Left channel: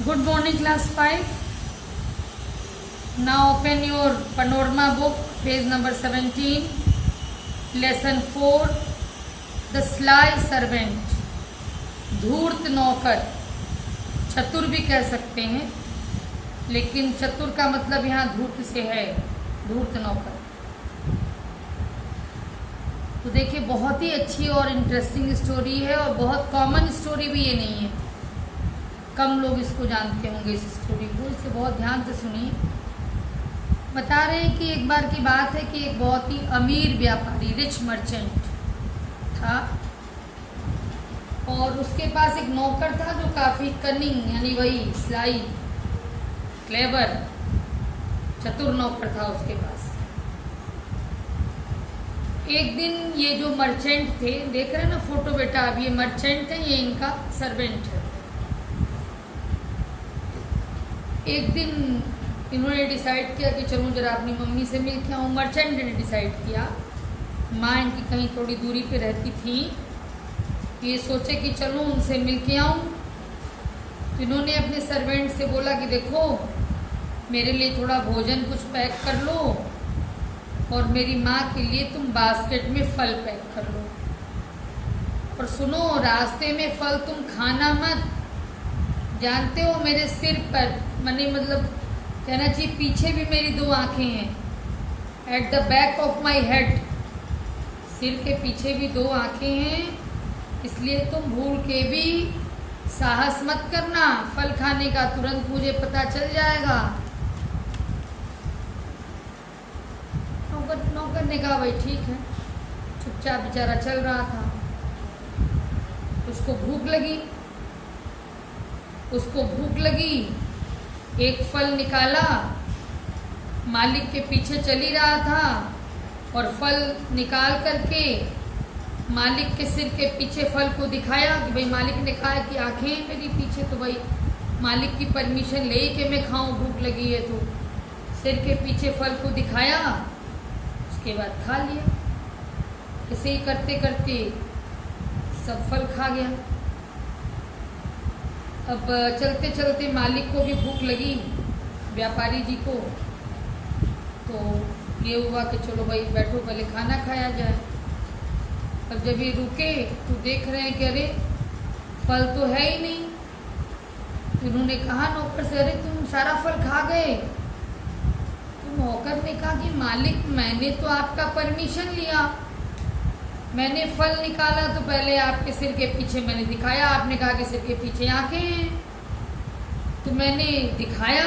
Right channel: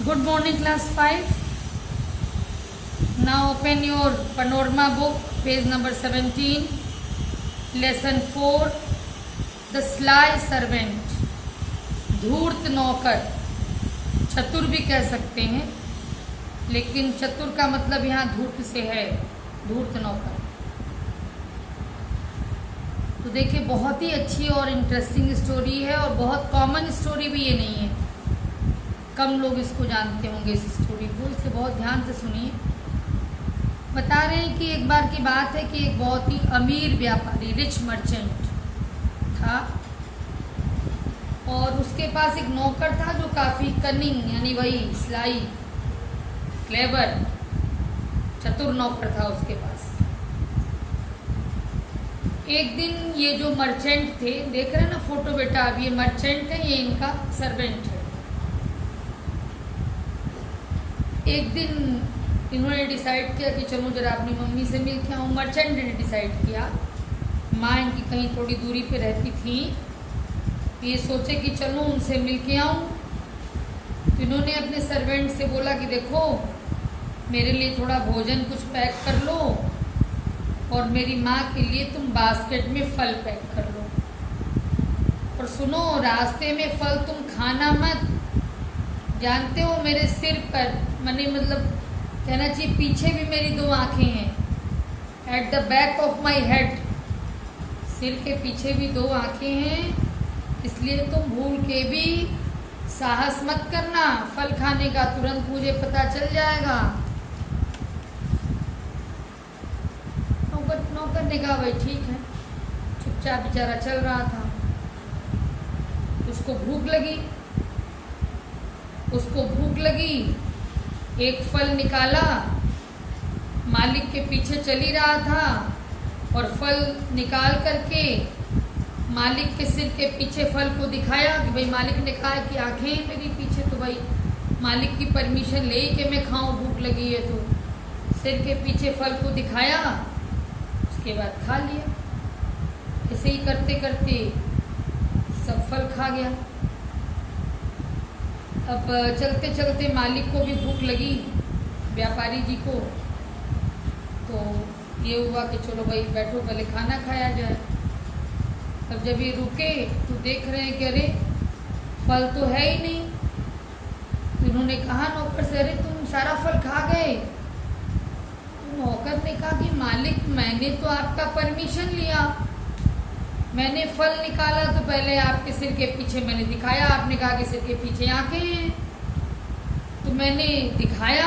Good morning, class 5. Now open your panorama book, page number 17, lesson 4, the sly servant. धूर्त नौकर, चतुर भी कह सकते हैं, लेकिन चतुर का मतलब यहाँ धूर्त से है, धूर्त नौकर। तो देखिए, बहुत ही अच्छी और इंटरेस्टिंग स्टोरी है और बहुत कॉमन स्टोरी भी ये नहीं है। कम लोग इसको जानते होंगे, इस स्टोरी को, इसलिए बहुत ध्यान से सुनिए। बता रहे हैं कि एक बार की बात है कि एक बहुत ही अमीर व्यापारी, रिच मर्चेंट था और उसके पास एक नौकर था जो काफी कनिंग, यानी वही स्लाई, क्लेवर, चतुर नौकर था उसके पास। एक दिन ये जो मर्चेंट थे, देख रहे हैं ना फोटो बेटा, अब ये मर्चेंट है, ये इनका सर्वेंट है। एक दिन इन्होंने डिसाइड किया कि चलो जरा अपनी मम्मी से मिल के आऊँ। मर्चेंट ने डिसाइड किया, माँ इनकी कहीं थोड़ी दूरी पे रहती थी, ये सोचे कि चलो उनसे मिल के आऊँ। तो इन्होंने अपने सर्वेंट से बोला कि देखो, मेरे लिए थोड़ा भोजन कुछ पैक कर लो और मेरी माँ के लिए तुम बास्केट में फल पैक कर लो। और सुनो, रास्ते में फल तुम खाना मत, जानते हो मेरे सिर पर, मतलब कहना चाहिए पीछे भी मेरी दो आंखें हैं, at the back of my head, सिर के पीछे भी दो आंखें हैं, इसलिए तुम भूल के भी साहस मत करना फल खाने का, तुरंत मुझे पता चल जाएगा। नौकर ने कहा भाई ठीक है, चुपचाप बेचारा चल रहा था। उसको भूख लगी, एक फल निकाला, मालिक के पीछे चल ही रहा था और फल निकाल करके मालिक के सिर के पीछे फल को दिखाया कि भाई, मालिक ने कहा कि आंखें मेरी पीछे, तो भाई मालिक की परमिशन ले कि मैं खाऊं, भूख लगी है। तो सिर के पीछे फल को दिखाया, उसके बाद खा लिया। ऐसे ही करते करते सब फल खा गया। अब चलते चलते मालिक को भी भूख लगी, व्यापारी जी को, तो ये हुआ कि चलो भाई बैठो, पहले खाना खाया जाए। अब जब ये रुके तो देख रहे हैं कि अरे फल तो है ही नहीं। तो उन्होंने कहा नौकर से, अरे तुम सारा फल खा गए। तो नौकर ने कहा कि मालिक, मैंने तो आपका परमिशन लिया, मैंने फल निकाला तो पहले आपके सिर के पीछे मैंने दिखाया, आपने कहा कि सिर के पीछे आंखें हैं, तो मैंने दिखाया,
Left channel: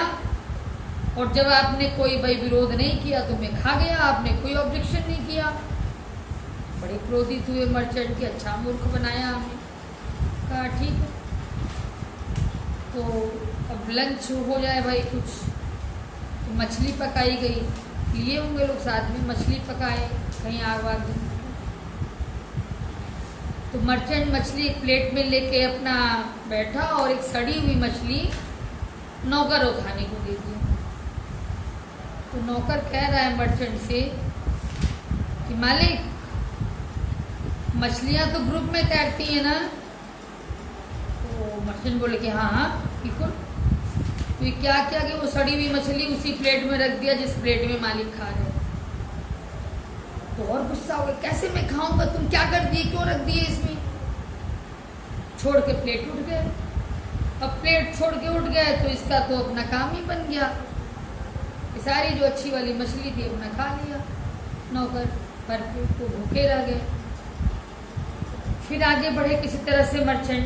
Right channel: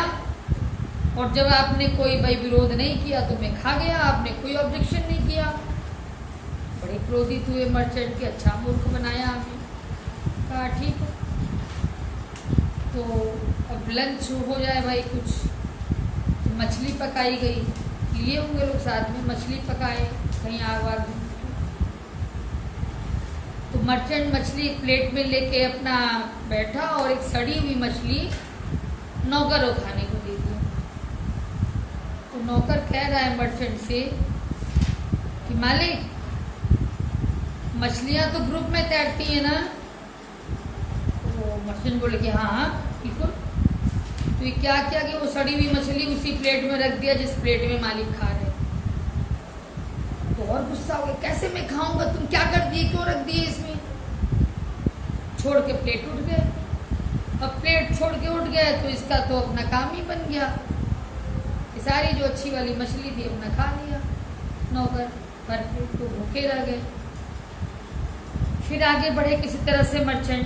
और जब आपने कोई भाई विरोध नहीं किया तो मैं खा गया, आपने कोई ऑब्जेक्शन नहीं किया। बड़े क्रोधित हुए मर्चेंट के, अच्छा मूर्ख बनाया हमें। कहा ठीक है, तो अब लंच हो जाए भाई कुछ। तो मछली पकाई गई, लिए होंगे लोग साथ में, मछली पकाए, कहीं आग वाग। तो मर्चेंट मछली एक प्लेट में लेके अपना बैठा और एक सड़ी हुई मछली नौकर को खाने को दे दी। तो नौकर कह रहा है मर्चेंट से कि मालिक, मछलियां तो ग्रुप में तैरती है ना। तो मर्चेंट बोले कि हाँ हाँ बिल्कुल। तो ये क्या किया कि वो सड़ी हुई मछली उसी प्लेट में रख दिया जिस प्लेट में मालिक खा रहे। तो और गुस्सा हो गया, कैसे मैं खाऊंगा, तुम क्या कर दिए, क्यों रख दिए इसमें। छोड़ के प्लेट उठ गए। अब प्लेट छोड़ के उठ गए तो इसका तो अपना काम ही बन गया, ये सारी जो अच्छी वाली मछली थी अपना खा लिया नौकर, पर पेट को भूखे रह गए। फिर आगे बढ़े किसी तरह से मर्चेंट,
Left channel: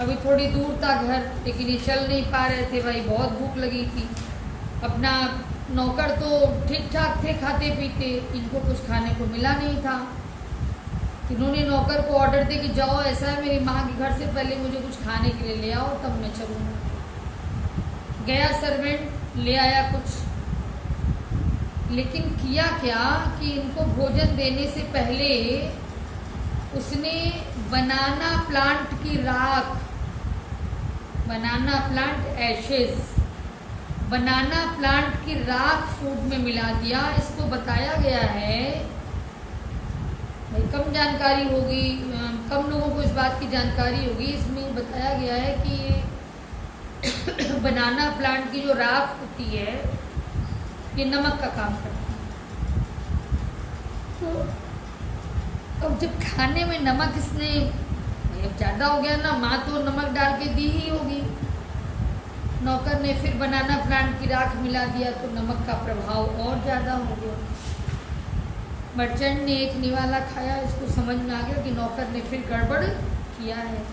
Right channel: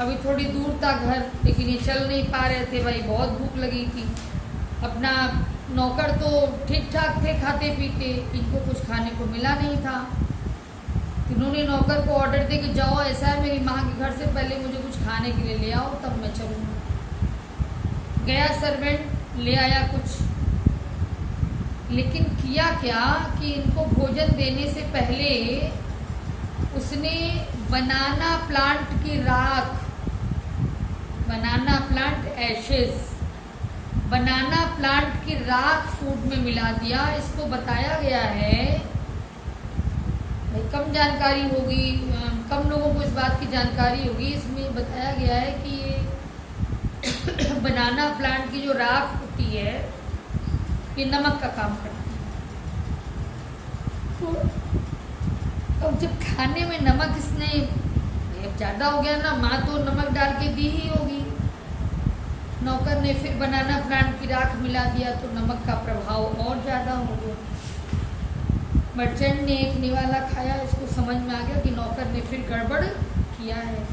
अभी थोड़ी दूर था घर, लेकिन ये चल नहीं पा रहे थे भाई, बहुत भूख लगी थी। अपना नौकर तो ठीक ठाक थे खाते पीते, इनको कुछ खाने को मिला नहीं था। इन्होंने नौकर को ऑर्डर दे कि जाओ, ऐसा है मेरी माँ के घर से, पहले मुझे कुछ खाने के लिए ले आओ तब मैं चलूँगा। गया सर्वेंट, ले आया कुछ, लेकिन किया क्या कि इनको भोजन देने से पहले उसने बनाना प्लांट की राख, बनाना प्लांट एशेज, बनाना प्लांट की राख फूड में मिला दिया। इसको बताया गया है, भाई कम जानकारी होगी, कम लोगों को इस बात की जानकारी होगी, इसमें बताया गया है कि बनाना प्लांट की जो राख होती है ये नमक का काम करती है। तो अब जब खाने में नमक इसने अब ज्यादा हो गया ना, माँ तो नमक डाल के दी ही होगी, नौकर ने फिर बनाना प्लांट की राख मिला दिया तो नमक का प्रभाव और ज्यादा हो गया। मर्चेंट ने एक निवाला खाया, इसको समझ में आ गया कि नौकर ने फिर गड़बड़ किया है।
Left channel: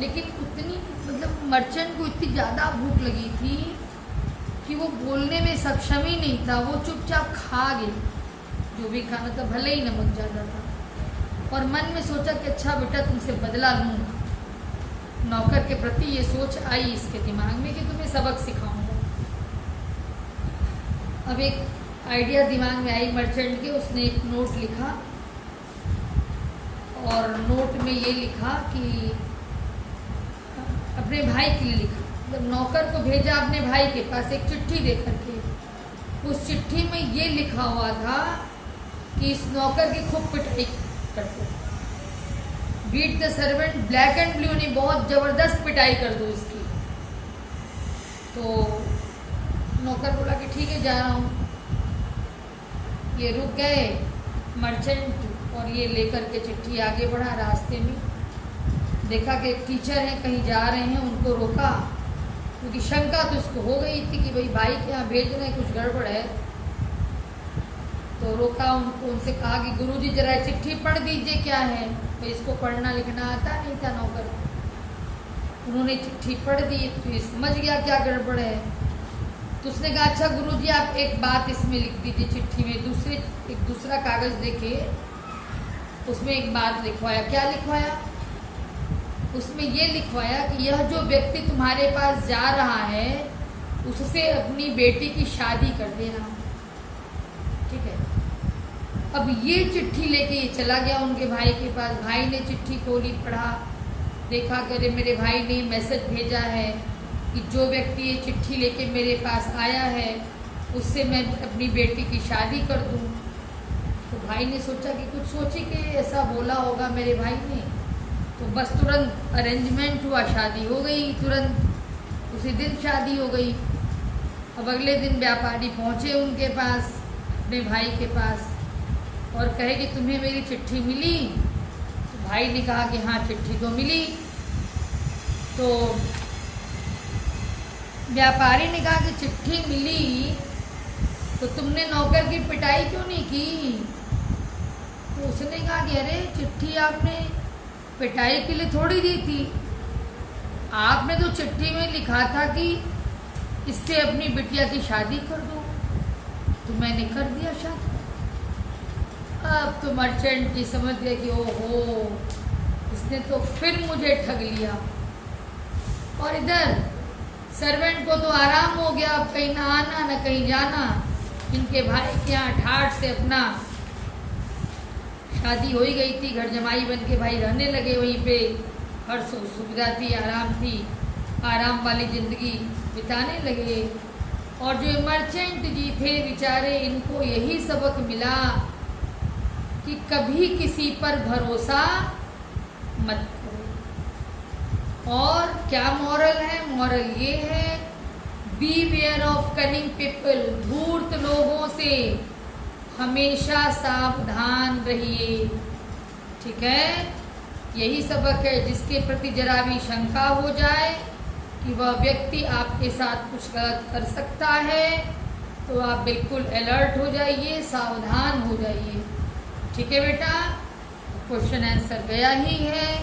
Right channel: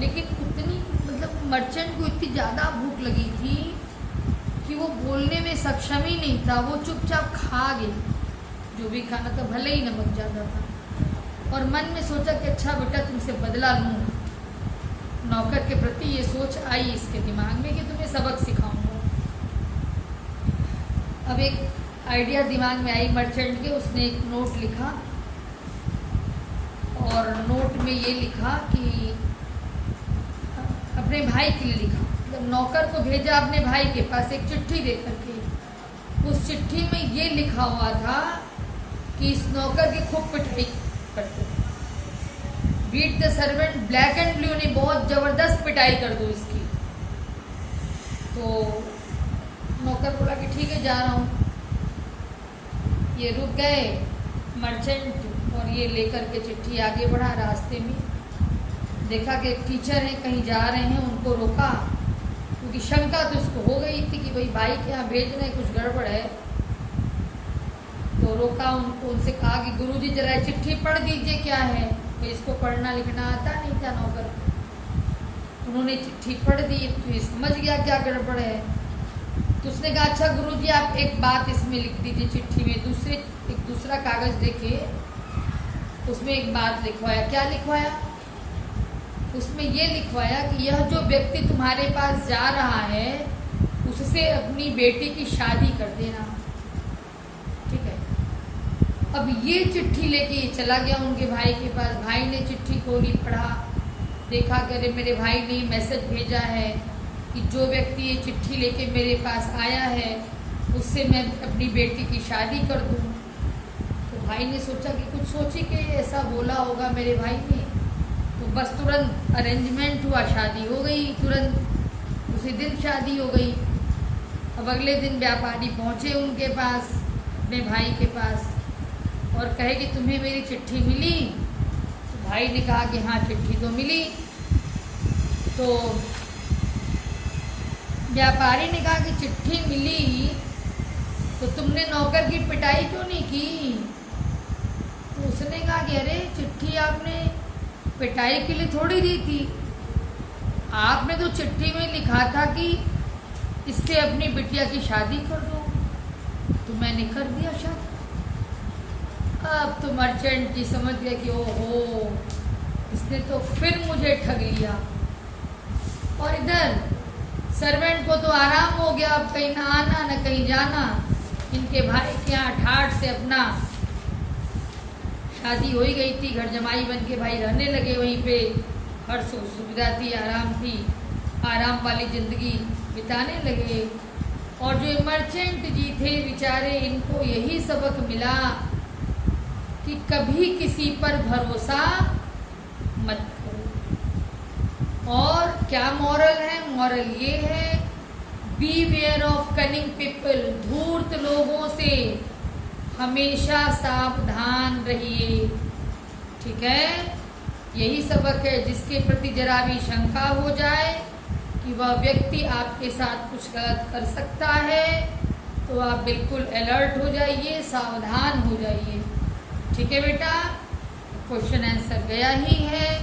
लेकिन उतनी मतलब मर्चेंट को इतनी ज्यादा भूख लगी थी कि वो बोलने में सक्षम ही नहीं था, वो चुपचाप खा गई जो भी खाना था, भले ही नमक ज्यादा था। और मन में सोचा कि अच्छा बेटा तुमसे बदला लूंगा। नौकर के प्रति ये सोच आई इसके दिमाग में कि तुम्हें सबक सिखाऊंगा। अब एक आइडिया दिमाग में आई मर्चेंट के, उसने एक नोट लिखा और नोट में ये लिखा कि अपने भाई के लिए लिखा, जब नौकर को भेजा अपने भाई के पास एक चिट्ठी दे करके, उस चिट्ठी में ये लिखा हुआ था कि इस नौकर की खूब पिटाई करते, beat the servant black and blue, ने बहुत जबरदस्त पिटाई कर दो इसकी। तो नौकर बोला कि ठीक है जा रहा हूं। ये रुक गए मर्चेंट और ये लेकर के चिट्ठी आगे बढ़ा। रास्ते में देखा कि एक टीचर है कहीं जा रहे हैं, उनको रोका क्योंकि शंका तो इसको हो गई थी कि भाई के यहाँ भेज रहे हैं, कुछ गड़बड़ है। तो रोका उनको, उनसे कहा कि गुरुजी जरा चिट्ठी पढ़ दीजिए क्या है। तो इसको पढ़ना लिखना आता नहीं था नौकर। उन्होंने चिट्ठी पढ़ दी तो ये समझ गया क्या गड़बड़ है। तो उसने कहा अच्छा गुरुजी आप एक बात इसमें लिख दीजिए चिट्ठी में। एक दूसरा कागज देखे, उसमें एक बात लिखवाया। क्या लिखवाया? उसमें ये लिखवाया कि यह जो व्यक्ति तुम्हारे पास जा रहा है उससे अपनी बेटी की शादी कर देना, ठीक है। अब ये चिट्ठी लेके ये चला गया उनके भाई के पास। भाई ने चिट्ठी खोली, पढ़ा, देखा कि अरे मेरे भाई ने मैसेज भेजा है कि जो व्यक्ति ये चिट्ठी लेके मेरे पास आया है उससे मैं अपनी बेटी की शादी कर दूं। तो भाई ने सोचा कि कुछ सोची कि ऐसा बोला होगा मेरे भाई ने, तो बस तुरंत अरेंजमेंट हुआ, शादी हो गई, तुरंत उसी दिन शादी हो गई। अब अगले दिन व्यापारी पहुंचे उनके पास, अपने भाई के पास, और कहे कि तुम्हें मेरी चिट्ठी मिली? तो भाई ने कहा कि हाँ चिट्ठी तो मिली। तो व्यापारी ने कहा कि चिट्ठी मिली तो तुमने नौकर की पिटाई क्यों नहीं की? तो उसने कहा कि अरे चिट्ठी आपने पिटाई के लिए थोड़ी दी थी, आपने तो चिट्ठी में लिखा था कि इससे अपनी बिटिया की शादी कर दो, तो मैंने कर दिया शादी। अब तो मर्चेंट जी समझ गए कि ओहो इसने तो फिर मुझे ठग लिया। और इधर सर्वेंट को तो आराम हो गया, अब कहीं ना आना ना कहीं जाना। इनके भाई के यहाँ ठाठ से अपना शादी हो ही गई थी, घर जमाई बन के भाई रहने लगे वहीं पे, हर सुविधा थी, आराम थी, आराम वाली जिंदगी बिताने लगे। और जो मर्चेंट जी थे बेचारे, इनको यही सबक मिला कि कभी किसी पर भरोसा मत करो। और क्या मॉरल है? मॉरल ये है, beware of cunning people, धूर्त लोगों से हमेशा सावधान रहिए, ठीक है। यही सबक है, जिसके प्रति जरा भी शंका हो जाए कि वह व्यक्ति आपके साथ कुछ गलत कर सकता है तो आप बिल्कुल अलर्ट हो जाइए, सावधान हो जाइए, ठीक है बेटा। क्वेश्चन आंसर गया ही है,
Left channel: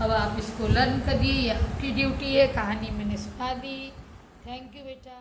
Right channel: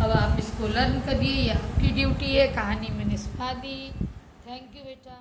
अब आप इसको लर्न करिए, ये आपकी ड्यूटी है। कहानी मैंने सुना दी। थैंक यू बेटा।